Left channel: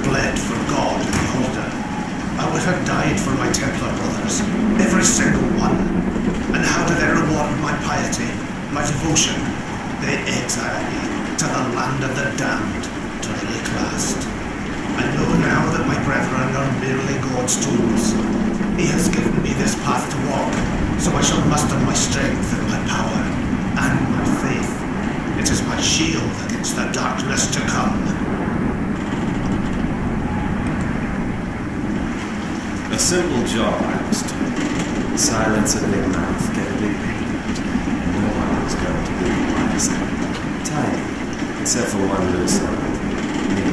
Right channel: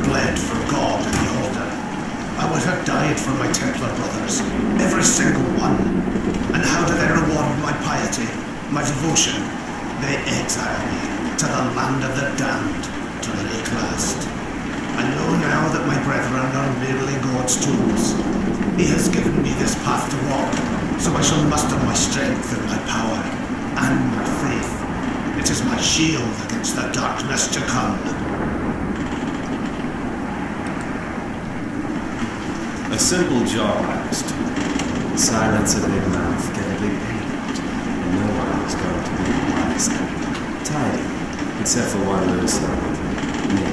and bled for God and the Order. I would have died for my Templar brothers, every single one. And how do they reward my piety, my devotion? They exile me to the land of the damned, to Rayclast. I know now that my brethren are merely God's tools. He has given me this path to walk, so I shall muster my strength and my power, and my faith. It is my shield against the darkness to come. A simple job, I was told. Silence a big mouth, get a big payout, and no one was going to be the wiser. Tidy, except for one loose end. Me.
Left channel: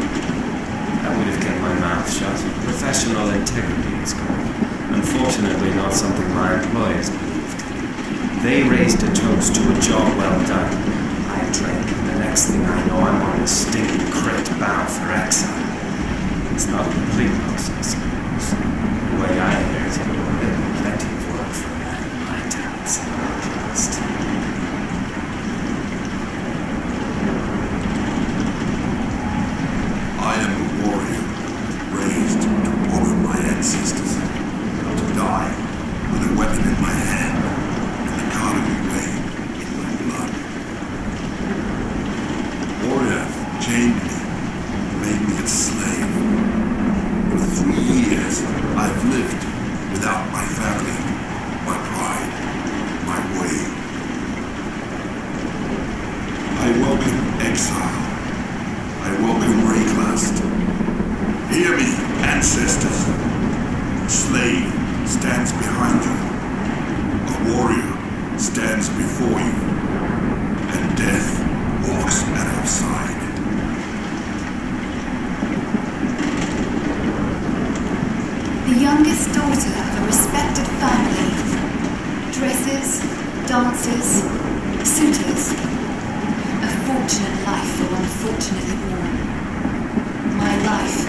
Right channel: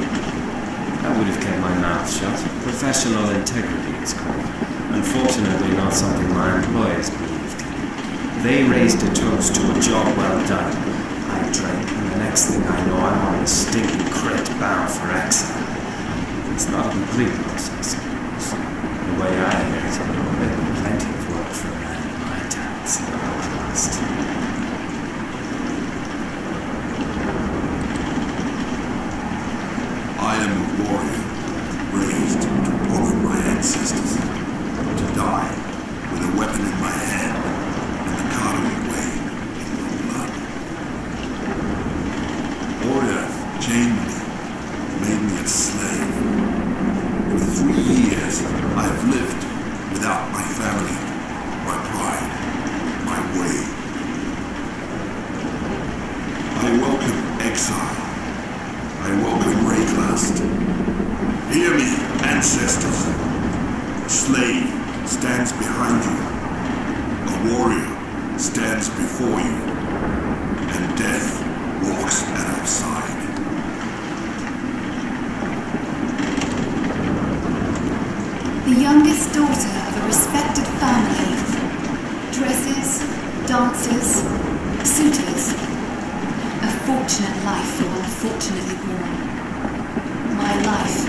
I would have kept my mouth shut. Professional integrity, it's called. Unfortunately, not something my employers believed in. They raised a toast to a job well done. I drank, and the next thing I know, I'm on this stinking crate bound for exile. It's not a complete loss, I suppose. The way I hear it, there'd be plenty of work for a man of my talents in Rayclast. I am a warrior, raised to honor my ancestors. To die with a weapon in my hand and the Karui way in my blood. Oriath chained me, made me its slave. For 3 years, I have lived without my family, my pride, my way. I welcome exile. I welcome Rayclast. Hear me, ancestors. A slave stands behind you. A warrior stands before you. And death walks at our side. The youngest daughter of a respected family. Dresses, dances, suitors. A fortunate life for one fortunately born. My life.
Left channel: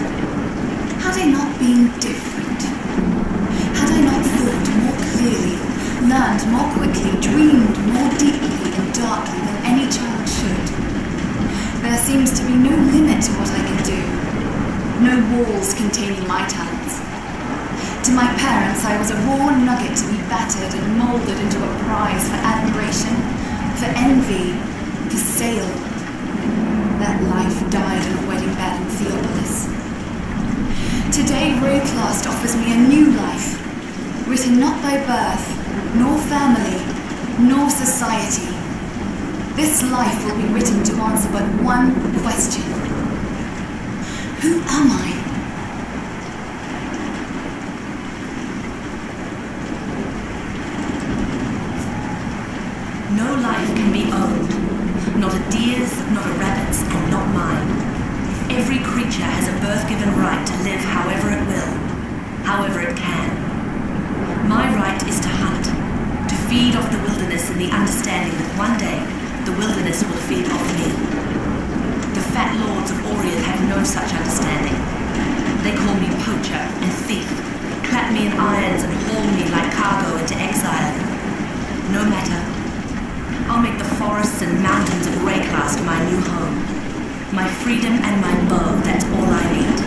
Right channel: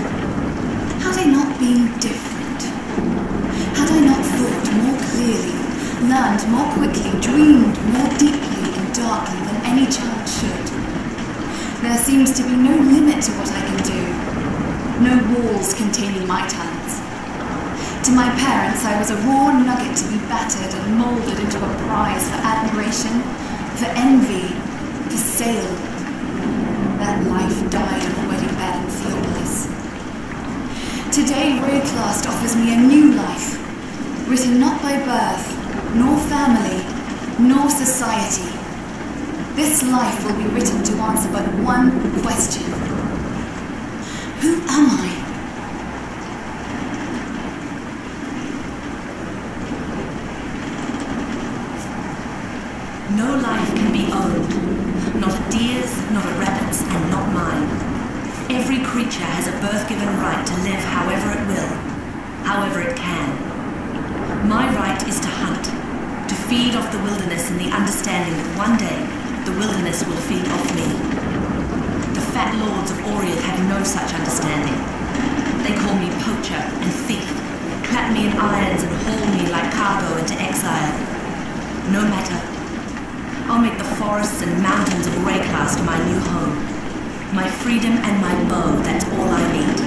Had I not been different? Had I not thought more clearly, learned more quickly, dreamed more deeply and darkly than any child should? There seems to be no limit to what I can do. No walls containing my talents. To my parents, I was a raw nugget to be battered and moulded into a prize for admiration, for envy, for sale. That life died on a wedding bed in Theopolis. Today, Rayclast offers me a new life, written not by birth, nor family, nor society. This life will be written to answer but one question. Who am I? No life can be owned. Not a deer's, not a rabbit's, and not mine. Every creature has a birth-given right to live however it will, however it can. My right is to hunt, to feed off the wilderness in the understanding that one day the wilderness will feed off me. The fat lords of Oriath have no such understanding. They call me poacher and thief, clap me in irons and haul me like cargo into exile. No matter. I'll make the forests and mountains of Rayclast my new home. My freedom and my bow, that's all I need.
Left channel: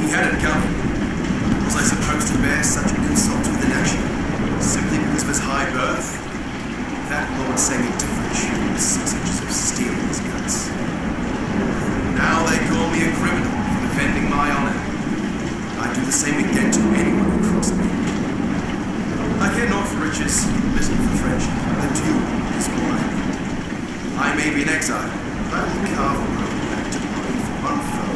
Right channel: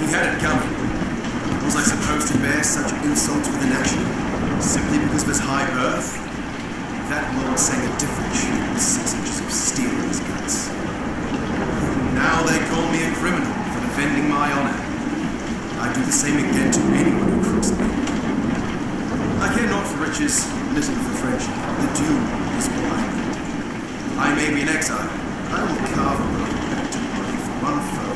He had it coming. Was I supposed to bear such insults with inaction? Simply because of his high birth? That lord sang a different tune with 6 inches of steel in his guts. Now they call me a criminal for defending my honor. I'd do the same again to anyone who crossed me. I care not for riches, little for friendship. The duel is all I need. I may be in exile, but I will carve a road back to Oriath, one foe,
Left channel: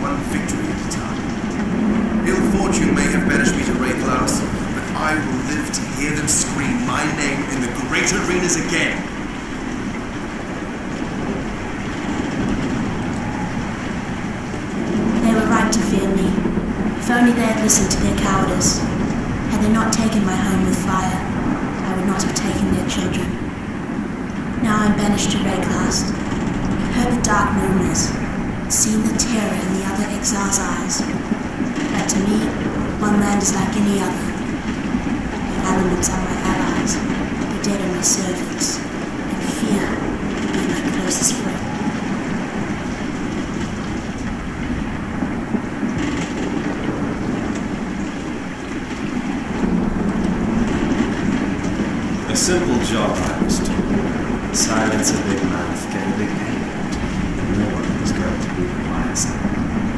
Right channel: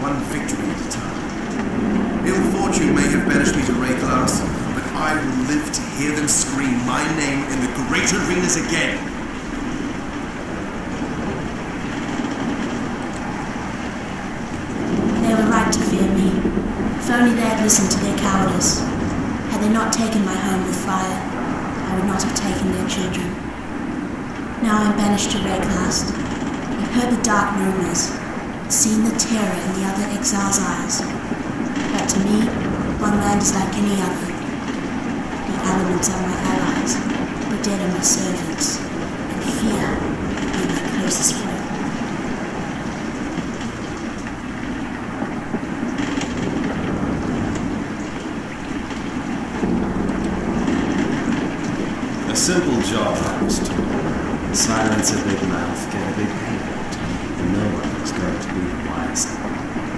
one victory at a time. Ill fortune may have banished me to Rayclast, but I will live to hear them scream my name in the great arenas again. They were right to fear me. If only they had listened to their cowardice. Had they not taken my home with fire, I would not have taken their children. Now I'm banished to Rayclast. I've heard the dark rumors, seen the terror in the other exiles' eyes. But to me, one land is like any other. The elements are my allies, the dead are my servants, and fear will be my closest friend. A simple job, I was told. Silence a big mouth, get a big payout, and no one was going to be the wiser.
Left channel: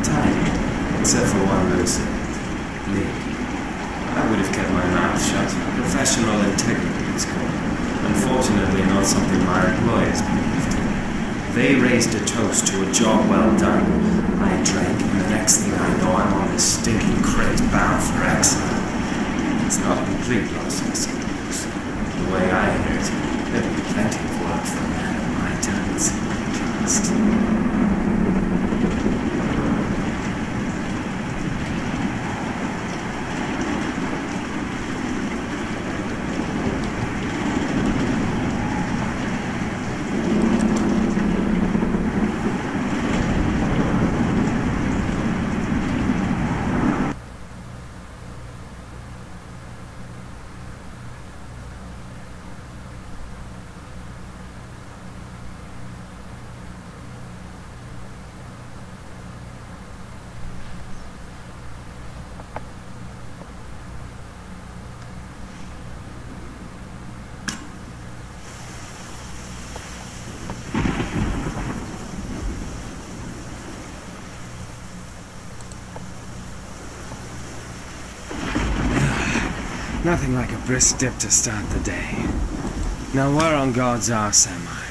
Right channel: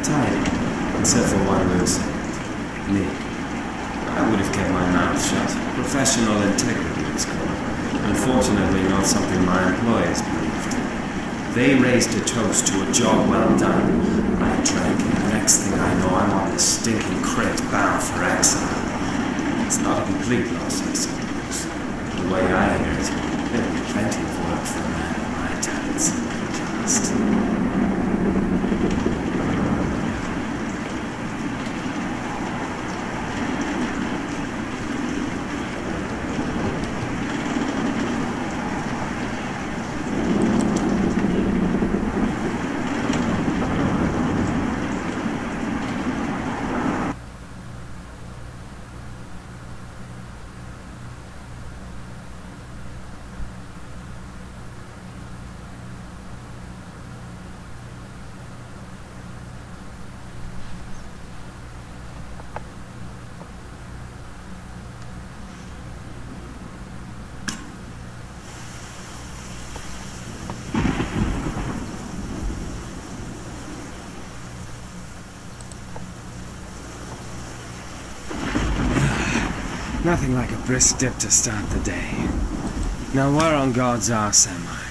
Tidy, except for one loose end. Me. I would have kept my mouth shut. Professional integrity, it's called. Unfortunately, not something my employers believed. They raised a toast to a job well done. I drank, and the next thing I know, I'm on this stinking crate bound for exile. It's not a complete loss, I suppose. The way I hear it, there'll be plenty of work for a man of my talents in Rayclast. Nothing like a brisk dip to start the day. Now where on God's arse am I?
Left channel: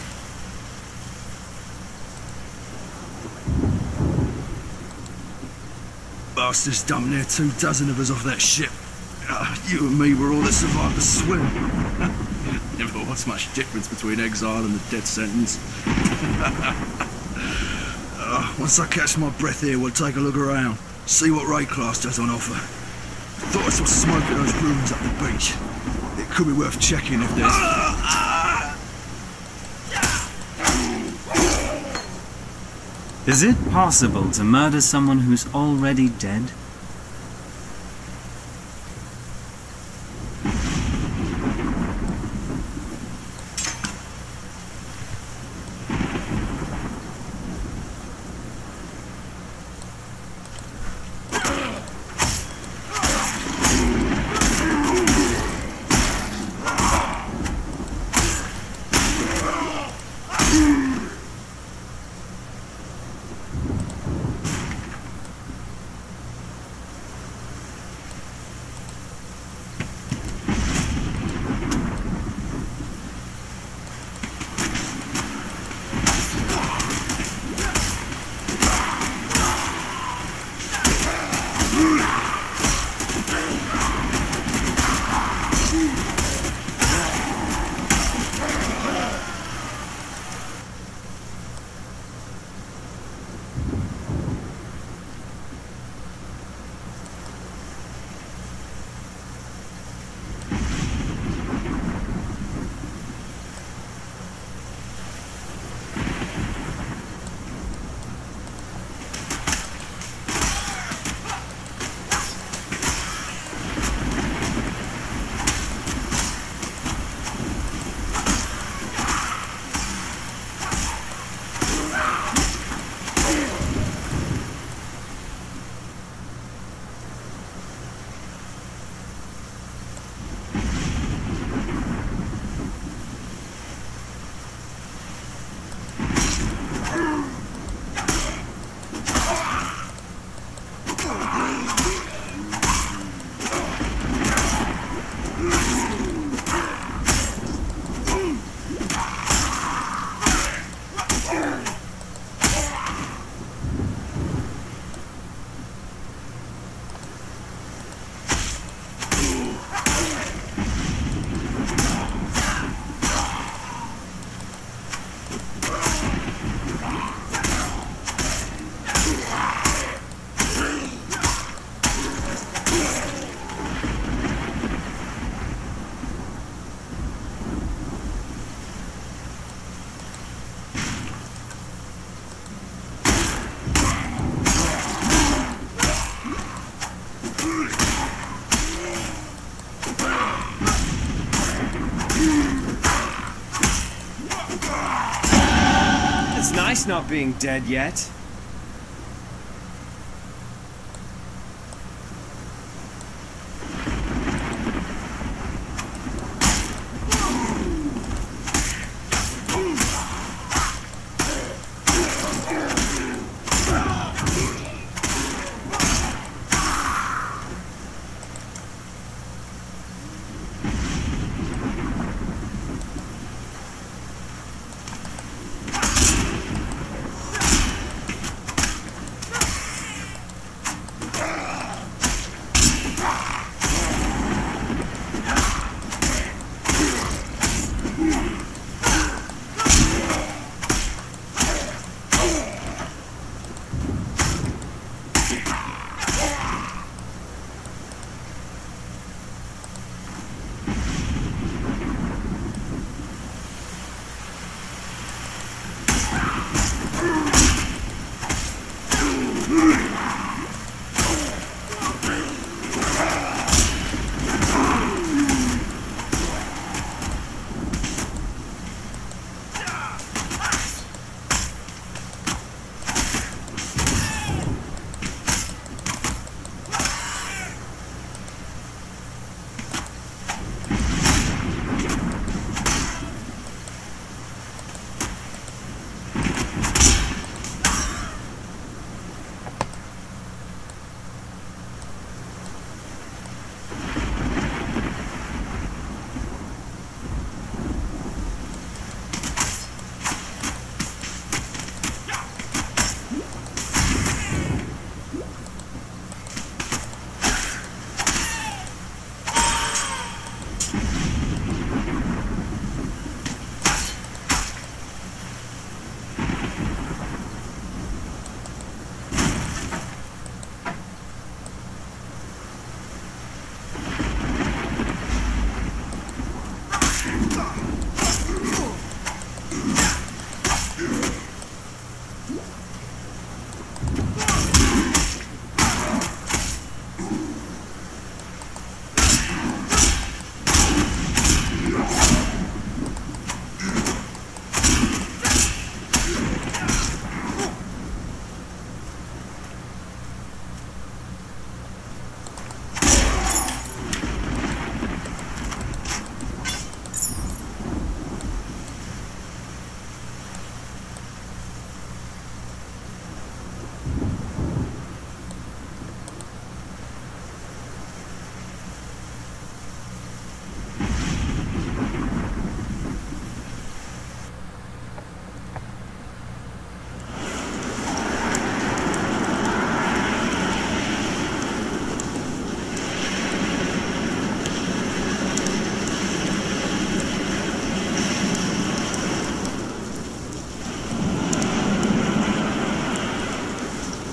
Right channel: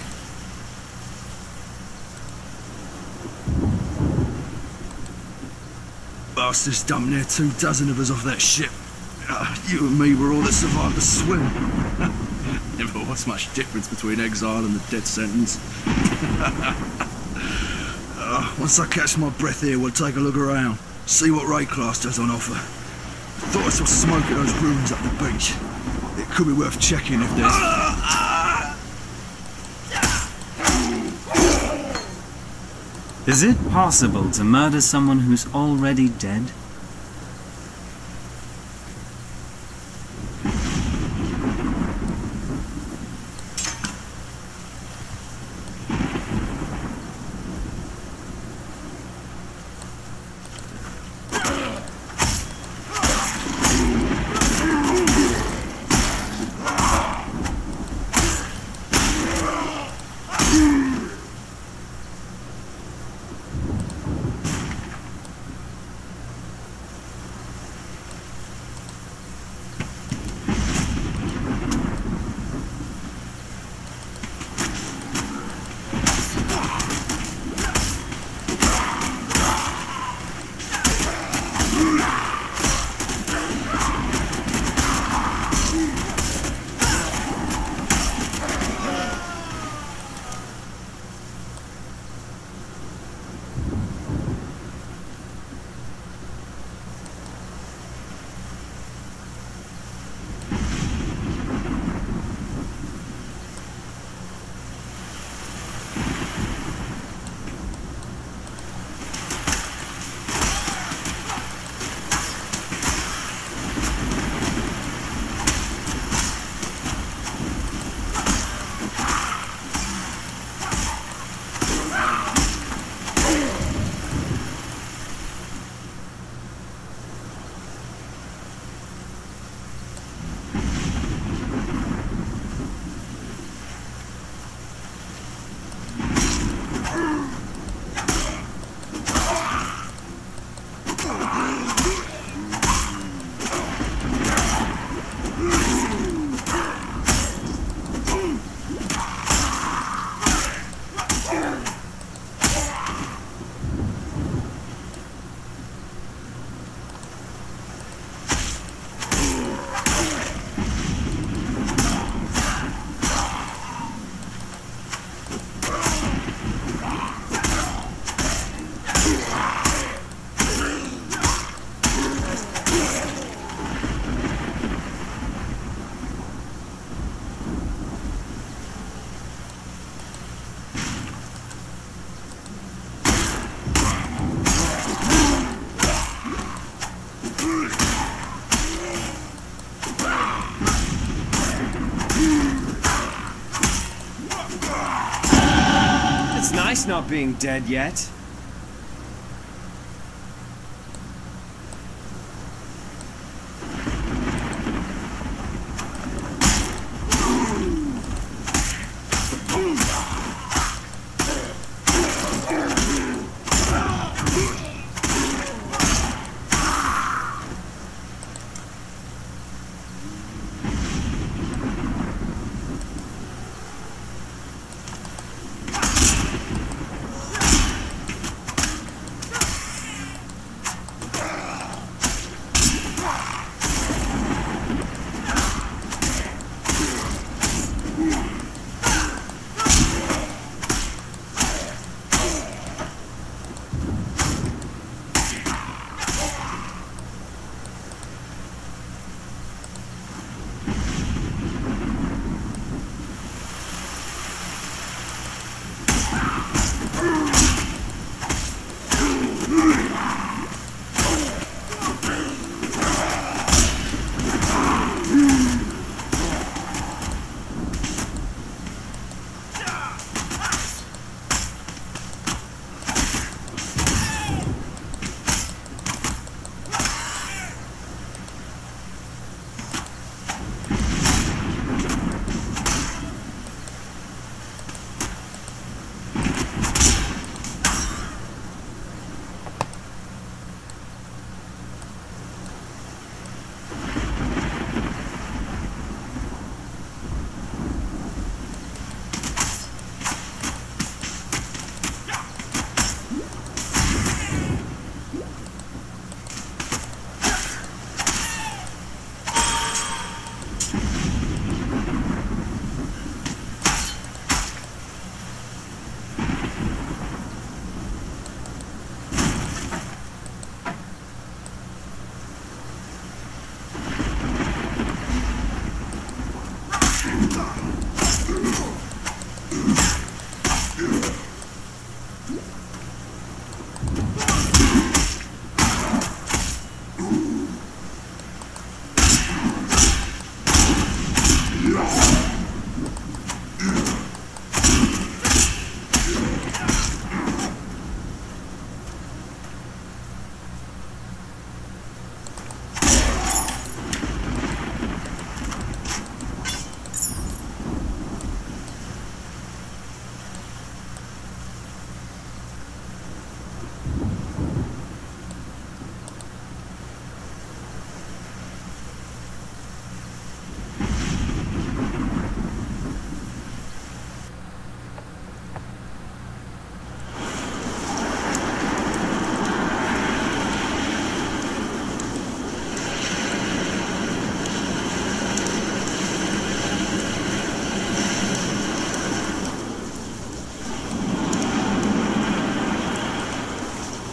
Bastards dumped near 24 of us off that ship. You and me were all that survived the swim. Never was much difference between exile and the death sentence. Once I catch my breath here, we'll take a look around, see what Rayclast has on offer. I thought I saw smoke at those ruins up the beach. It could be worth checking if there's... Is it possible to murder someone who's already dead? nice not being dead yet.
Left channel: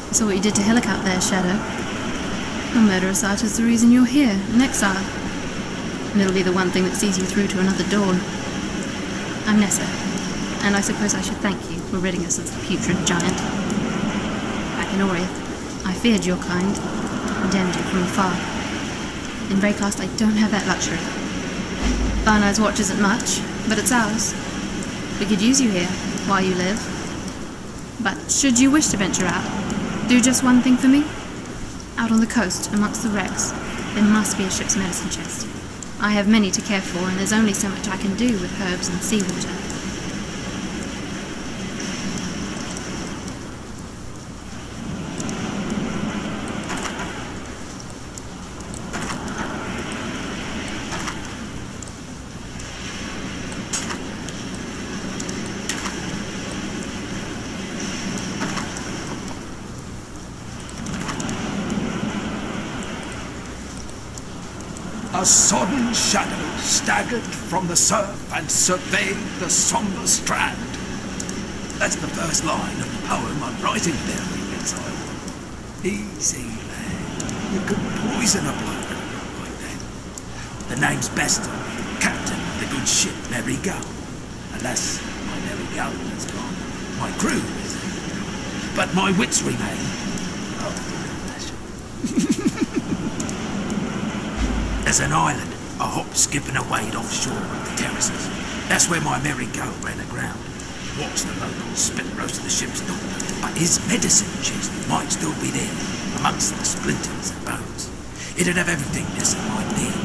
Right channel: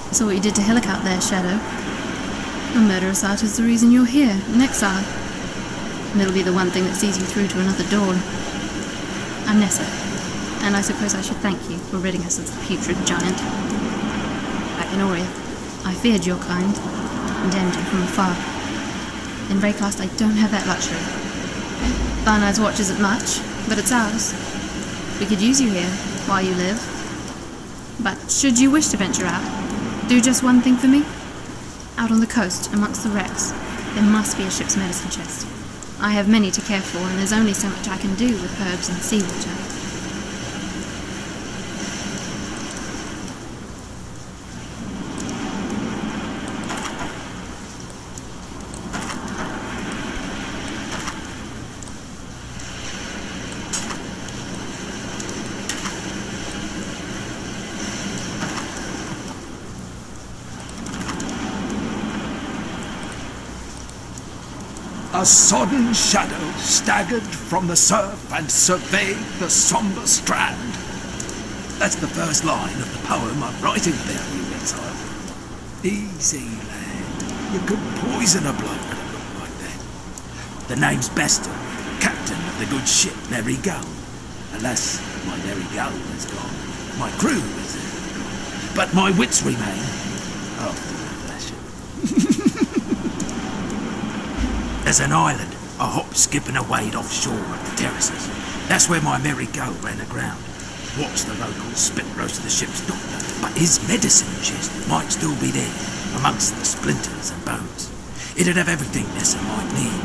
I saw what you did to Hillock out there, Shadow. Your murderous art is the reason you're here, in exile. And it'll be the one thing that sees you through to another dawn. I'm Nessa, and I suppose I should thank you for ridding us of the putrid giant. Back in Oria, I feared your kind, condemned you from afar. In Rayclast, I don't have that luxury. Barnard's watch isn't much, but it's ours. We could use you here, while you live. But should you wish to venture out, do just one thing for me. Out on the coast, amongst the wrecks, there must be a ship's medicine chest. I have many to care for, and there's only so much I can do with herbs and seawater. A sodden shadow staggered from the surf and surveyed the sombre strand. That's the first line of the poem I'm writing about you, exile. Easy, lad. You could poison a bloke with a look like that. The name's Bestel, captain of the good ship Mary Gull. Alas, my Mary Gull is gone. My crew is gone. But my wits remain, after a fashion. There's an island, a hop, skip and a wade offshore of the terraces. That's where my Mary Gull ran aground. watch the locals spit roast the ship's doctor, but his medicine chest might still be there, amongst the splinters and bones. It'd have everything Nessa might need.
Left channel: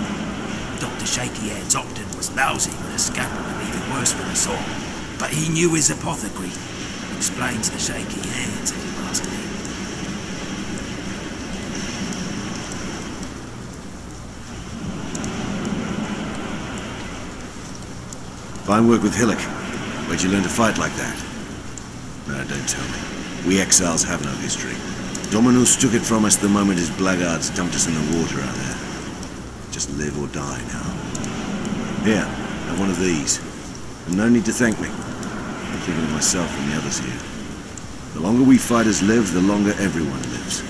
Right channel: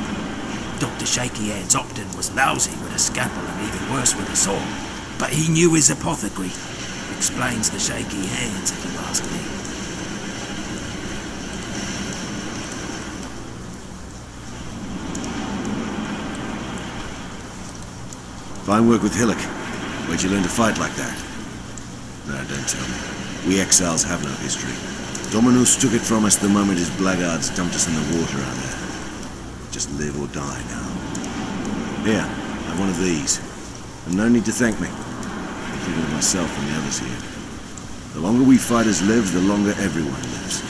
Dr. Shaky Hands Opton was lousy with a scalpel and even worse with a saw, but he knew his apothecary. Explains the shaky hands, if you ask me. Fine work with Hillock. Where'd you learn to fight like that? No, don't tell me. We exiles have no history. Dominus took it from us the moment his blackguards dumped us in the water out there. Just live or die now. Here, have one of these. And no need to thank me. I'm thinking of myself and the others here. The longer we fighters live, the longer everyone lives.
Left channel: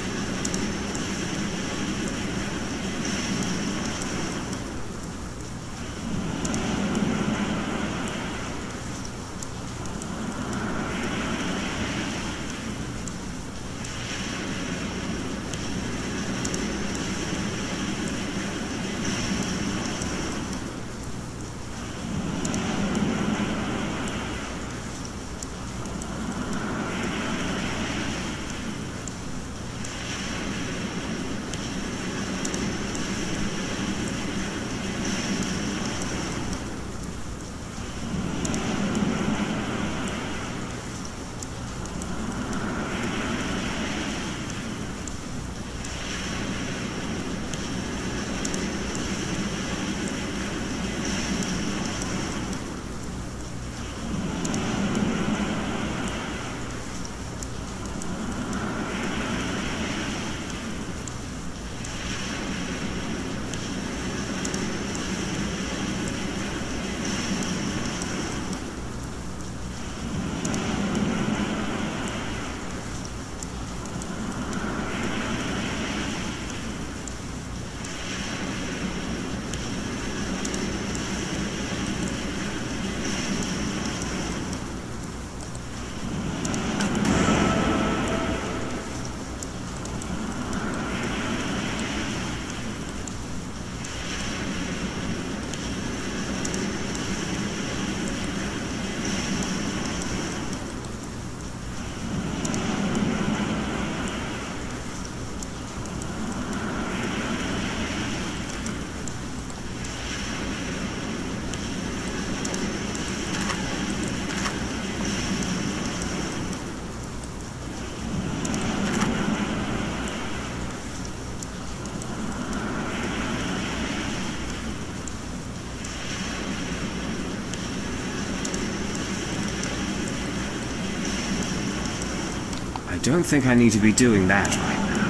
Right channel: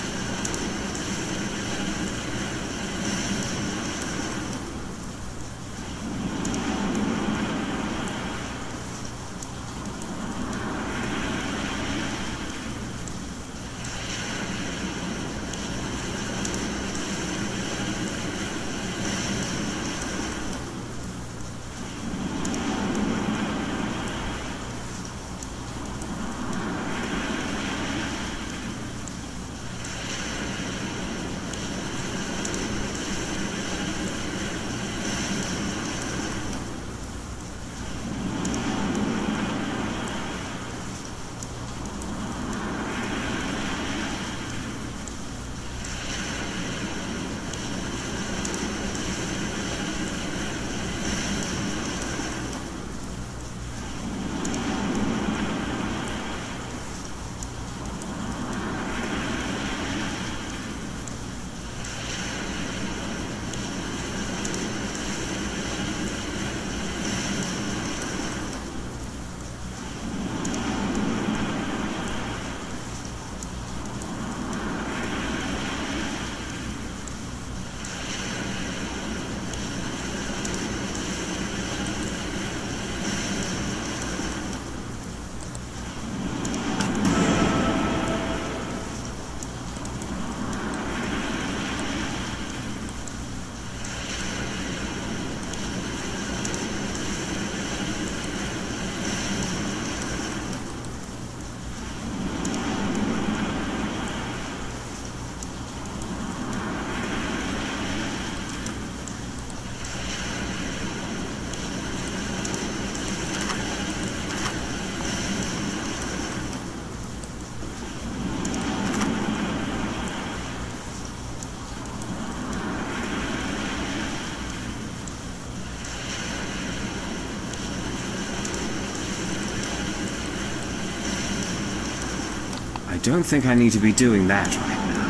I don't think I need to be doing that right now.